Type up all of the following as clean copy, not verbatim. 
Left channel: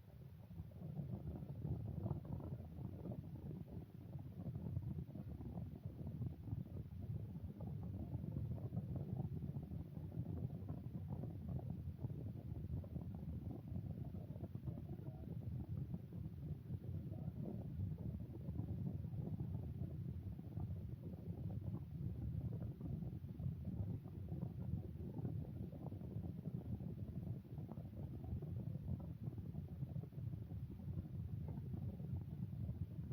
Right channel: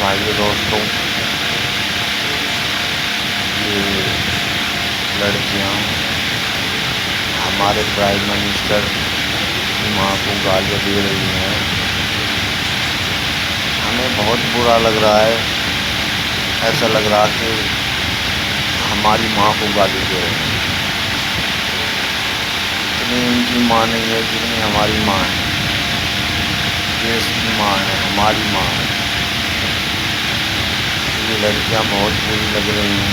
भाइयों दोस्तों, ये लड़कियां हमारे प्राइम मिनिस्टर की मां को गालियां दे रही हैं। हमें बहुत बुरा लग रहा है। ऐसा लग रहा कि हमारी मां को गाली दे रही हैं। इतनी उनकी मां नहीं है जितनी हमारी मां है। देश की मां है, हमारी मां है। ये लड़कियां बहुत बुरी लग रही हैं।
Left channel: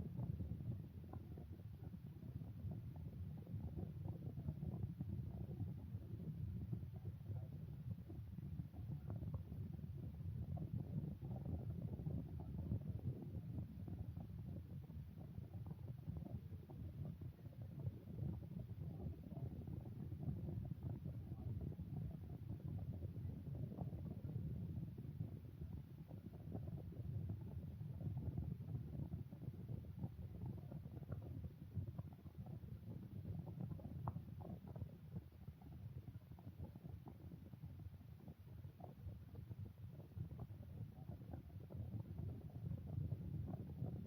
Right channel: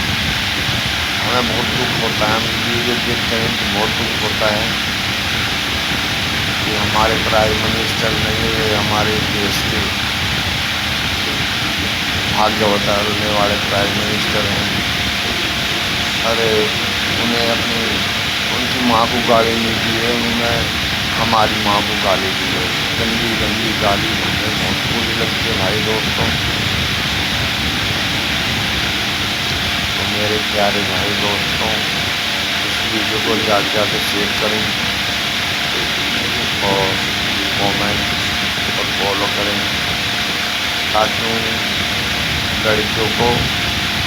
हमें बहुत दुख होता है। हम वीडियो देखते हैं तो बहुत दुख होता है कि हमारे प्राइम मिनिस्टर नहीं है, हमारे देश के भाग्य बदलने वाले प्राइम मिनिस्टर हैं। अरे उन्हें उनकी माँ को गाली नहीं दी है, उन्हें हमारी माँ को गाली दी है। गंदी गंदी गाली मुझे बहुत बुरी लगती है भाई दोस्तों। तो मेरे प्यारे भाई दोस्तों, इस वीडियो को ज़्यादा से ज़्यादा शेयर करें और कमेंट और फॉलो करें ताकि उन लड़कियों को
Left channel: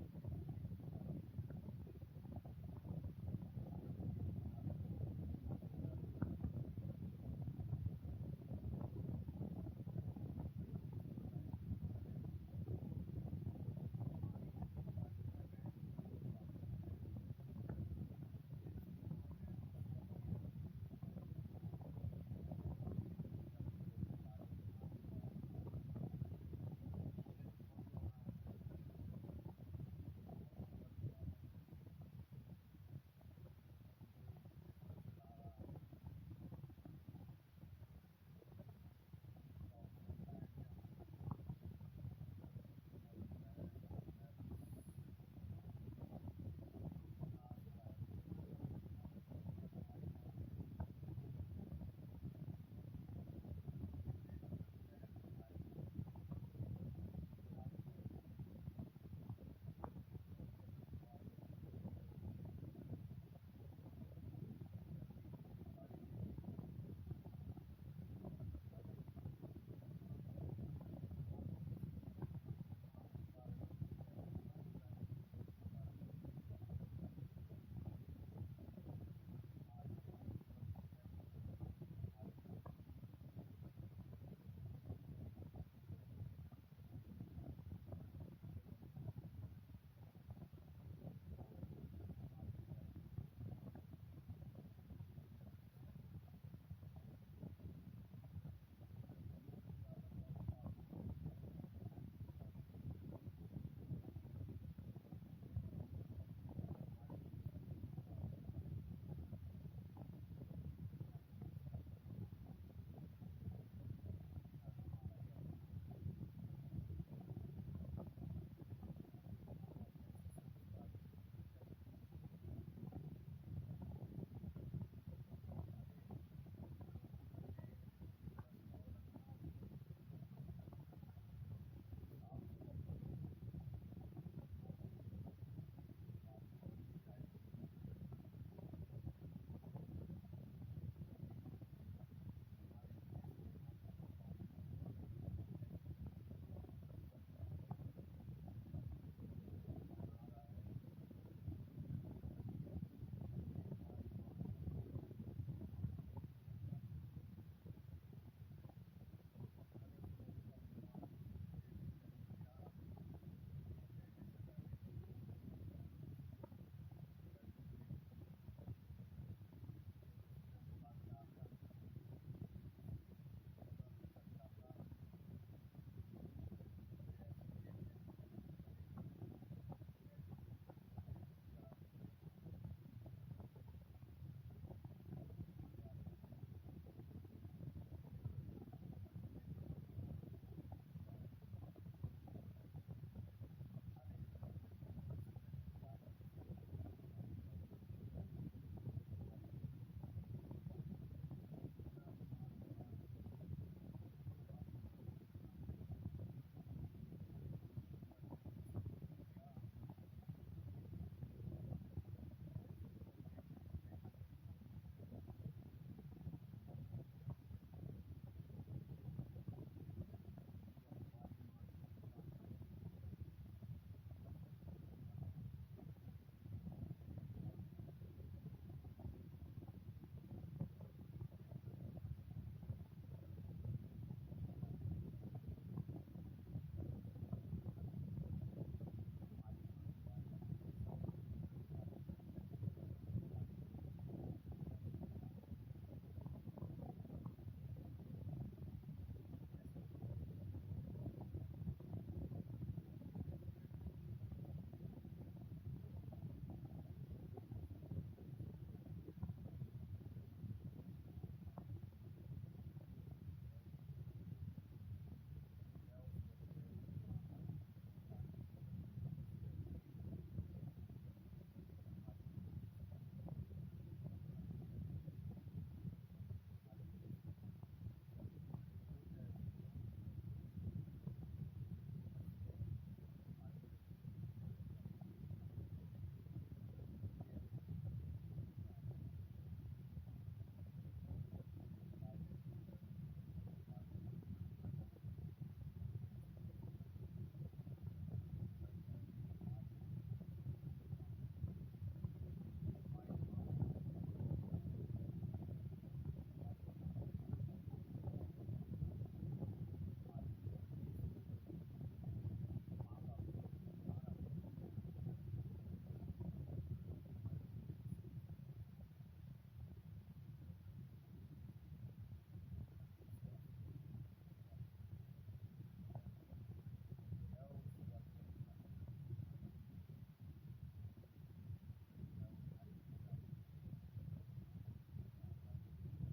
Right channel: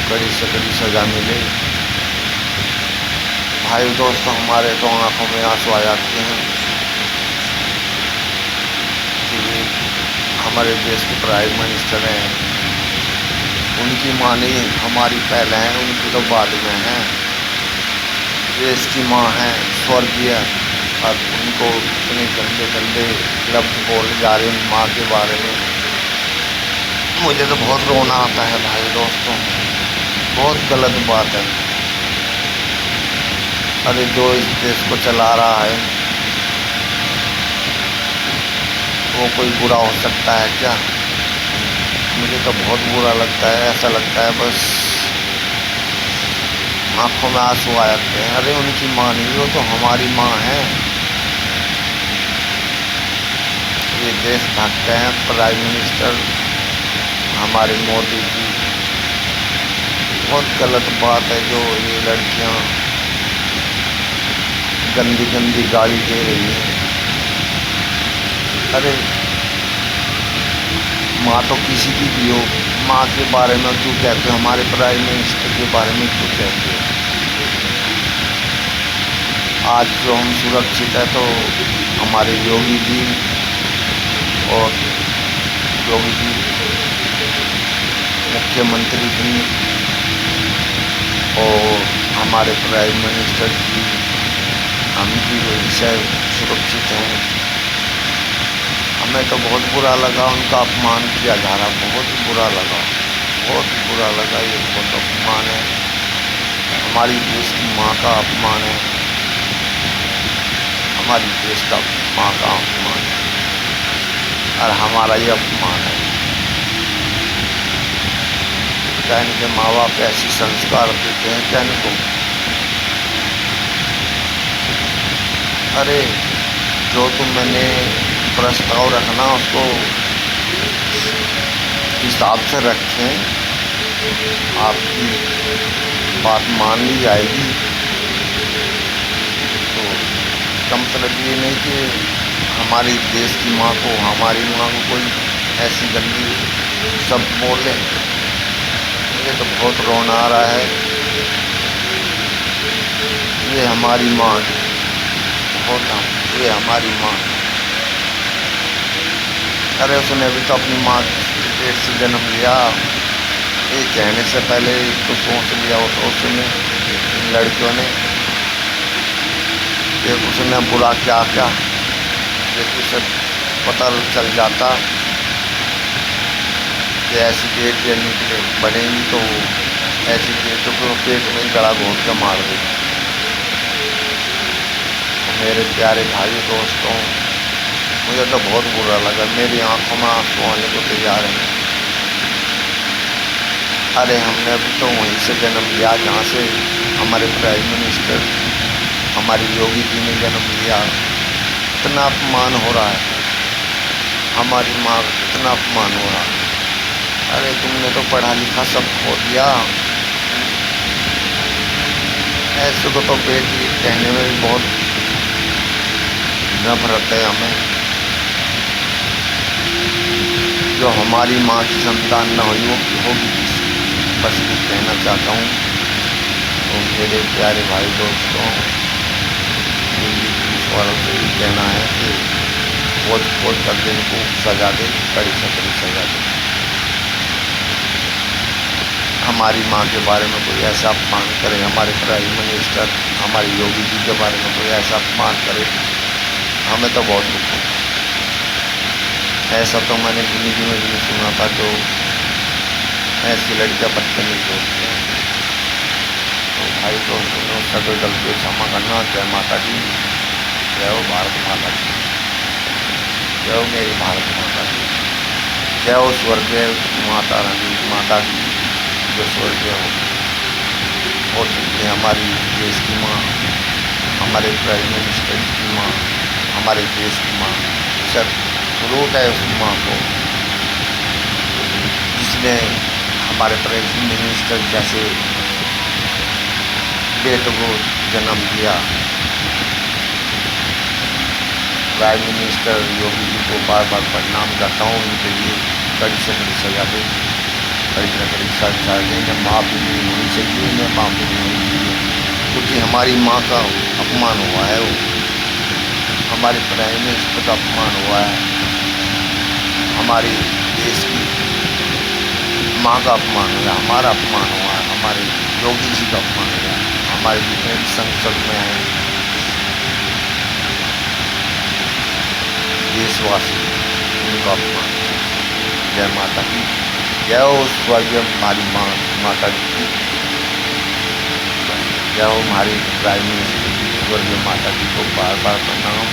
कड़ी से कड़ी सज़ा मिले। भाई दोस्तों, हमारे तो आँखों में आंसू आ जाते हैं कि हमारे देश के प्राइम मिनिस्टर हैं, उनकी माँ नहीं हमारी पहले हैं, उनकी तो बाद में हैं। देश की माँ हैं स्वर्गीय, और उनको इतने गंदे गंदे लफ्ज़ बोले जा रहे हैं माँ के बारे में। मुझे तो बहुत रोना आता है भाई दोस्तों, बहुत गलत बात है। अरे जो इस देश को चला रहा है वो कोई बुरा हो सकता है क्या? मुझे तो बहुत बुरा लगता है। ऐसा लगता है बस आँखों में आंसू आ जाते हैं। अरे उनकी माँ नहीं, वो तो हमारी माँ है। ये देश भक्त हैं प्राइम मिनिस्टर हमारे मोदी जी। बहुत गलत बात है जो ये लड़कियाँ गंदी गंदी गाली दे रही हैं। अरे माँ तो किसी की भी हो, माँ के बारे में क्यों कहते हो? हमारे प्राइम मिनिस्टर के बारे में क्यों कहते हो? आज जो हम सुरक्षित है तो हमारे योगी जी और योगी जी मुख्यमंत्री जी और हमारे प्राइम मिनिस्टर जी, हम की वजह से सुरक्षित हैं। हमें तो बहुत बुरा लगा, उनका अपमान किया जा रहा, बहुत बुरा लगा, बहुत बुरा लगा। ये बहुत अपमान है, हमारी देश की माँ का अपमान है, हमारी देश का माँ का अपमान है, और हमारा ये अपमान है। क्या इनके माँ बाप ऐसी संस्कार देते हैं क्या इनको? अरे जो मैंने प्रस्ताव रखना उसको हिसाब से रखें, आपकी बात मान ली जाएगी। तो इसका मतलब ये नहीं कि हमारी देश की माँ को, हमारी माँ को कोई ऐसी गंदी शब्द बोले। मुझे तो बहुत रोना आ रहा है। ये हमारी माँ है, ये हमारी माँ। अरे उसने भी तो अपनी माँ के पेट से जन्म लिया। ये कहने से पहले तो सोच लिया हो तो उसने, इन लड़कियों ने, कि उसने बुरा क्या क्या, यदि उसे पता चल जाता कि ऐसी बेटियाँ निकले बनेंगी तो ऐसी बेटियों को पेट में गला घोंट के मार देगी। मेरे प्यारे भाई दोस्तों, मुझे तो बहुत बुरा लगा। मेरी आंखों में आंसू आने को तैयार हैं। अरे हमने अभी तो वहीं से जन्म लिया जहाँ से हमारे प्राइम मिनिस्टर हमारी योगी जी ने जन्म लिया। इतना अपमान हो रहा है, हमारी माँ का कितना अपमान हो रहा है। अरे तुमने तो पढ़ा लिखा सब खो दिया। ऐसे को तो बेटी कहने में भी बहुत नफरत है हमें। जो हमारी माँ की संतान न हुई वो होगी किसकी, बस ये कहना चाहता हूँ। तो मेरे प्यारे भाई दोस्तों, मेरी ईश्वरों से ये कहना है कि खोज खोज कर दिन को सजा दे, कड़ी से कड़ी सजा दे। हमारी माँ के बारे में कोई ऐसा अपमान करे, हमारे प्राइम मिनिस्टर हमारे योगी जी के बारे में कोई ऐसा अपमान करे, हमें तो बहुत दुख होता है। ऐसा तो मैंने ज़िंदगी में भी नहीं सुना था जो ऐसी लड़कियाँ बदतमीज होती हैं। तो भाई दोस्तों ने उसका कोई गलती क्षमा करना। जय माता दी, जय हो भारत माता की, जय हो मेरी भारत माता की, जय हो स्वर्गीय माता रानी माता की जो स्वर्गीय हो चुकी है, हमारी देश की माँ, हमारे प्राइम मिनिस्टर की माँ, हमारे देश की माँ। सब रोट है उस माँ को जिसने हमारे प्राइम मिनिस्टर जैसे बेटों को जन्म दिया। प्राइम मिनिस्टर योगी जी को बार बार प्रणाम करता हूँ, उनके लिए कड़ी से कड़ी सजा दे, कड़ी से कड़ी सजा दे। इन्हें माफ़ी नहीं होनी चाहिए, इन्हें माफ़ी नहीं होनी चाहिए, क्योंकि हमारी माँ का अपमान हुआ है, वो हमारे प्राइम मिनिस्टर का अपमान हुआ है, हमारे देश की माँ का अपमान हुआ, हमारा अपमान हुआ है, हमारे योगी जी का अपमान हुआ है, हमारे जितने भी संसद में हैं देशवासी उनका अपमान। जय माता की, जय हो स्वर्गीय हमारी माँ माता जी, जय हो हमारी प्राइम मिनिस्टर की स्वर्गीय माता जी को बार बार प्रणाम।